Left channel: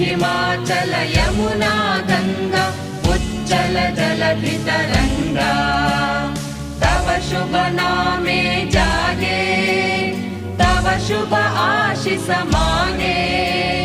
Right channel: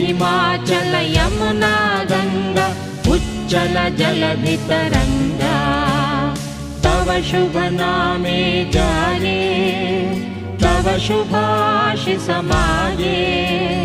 हिमाचल यमुना गंगा उच्चल जलधि तरंगा तव शुभ नामे जाने तव शुभ आशीष माने